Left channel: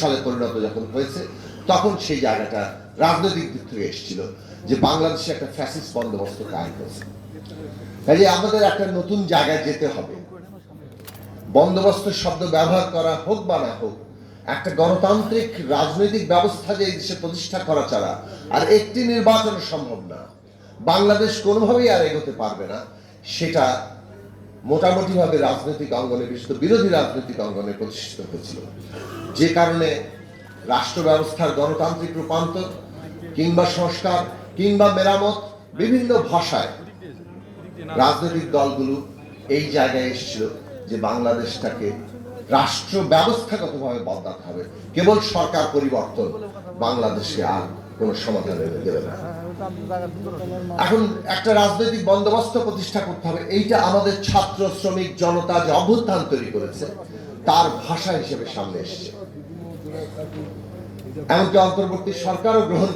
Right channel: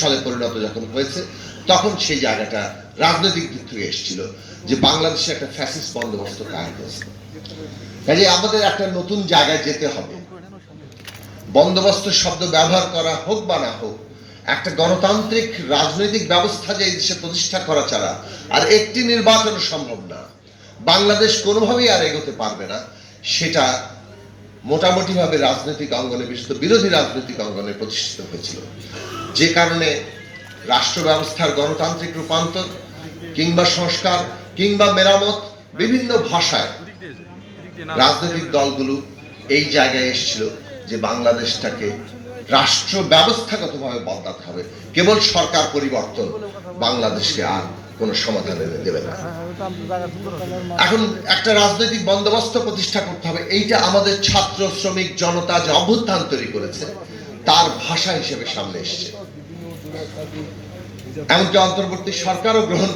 সালে পরিণত যখন হয়েছে তখন সেই জায়গাটা রাজনৈতিক দিক থেকে এসেছিল যে বাংলাদেশে একটা ফ্যাসিস্ট বন্দোবস্ত কায়েম হয়েছে। কাজে আমাদের একটা নতুন জায়গায় যেতে হবে। বন্দোবস্ত শব্দ ব্যবহার করা হোক বা না হোক, একটা গণতান্ত্রিক রাজনৈতিক ব্যবস্থা যে এই দেশে প্রতিষ্ঠা করা ছাড়া আর একটি নির্বাচন সম্ভব না, বাংলাদেশ কোনোভাবেই আর এগোতে পারবে না, সেটা মোটামুটি ভাবে রাজনৈতিক অঙ্গনে, বিশেষত বিরোধী রাজনৈতিক অঙ্গনে প্রতিষ্ঠিত হয়েছিল। যে কারণে রাষ্ট্র ব্যবস্থার গণতান্ত্রিক রূপান্তর কিংবা সংস্কার কিংবা মেরামত বিভিন্ন ভাষায় রাজনৈতিক দলগুলো এই জায়গায় এসেছিল যে বাংলাদেশটাকে রাষ্ট্র ব্যবস্থাগতভাবে বদলাতে হবে। কেবল সরকার পরিবর্তন বাংলাদেশকে আর কোনো সমাধান এনে দেবে না। এখন একটা রাজনৈতিক বন্দোবস্ত প্রতিষ্ঠা করতে হবে, এইটা আমাদের ছাত্র শ্রমিক জনতা যে অভ্যুত্থান তৈরি করেছে তার ভাষা হিসেবে সামনে এসছে। এমনকি অন্তর্বর্তী সরকারও গ্রহণ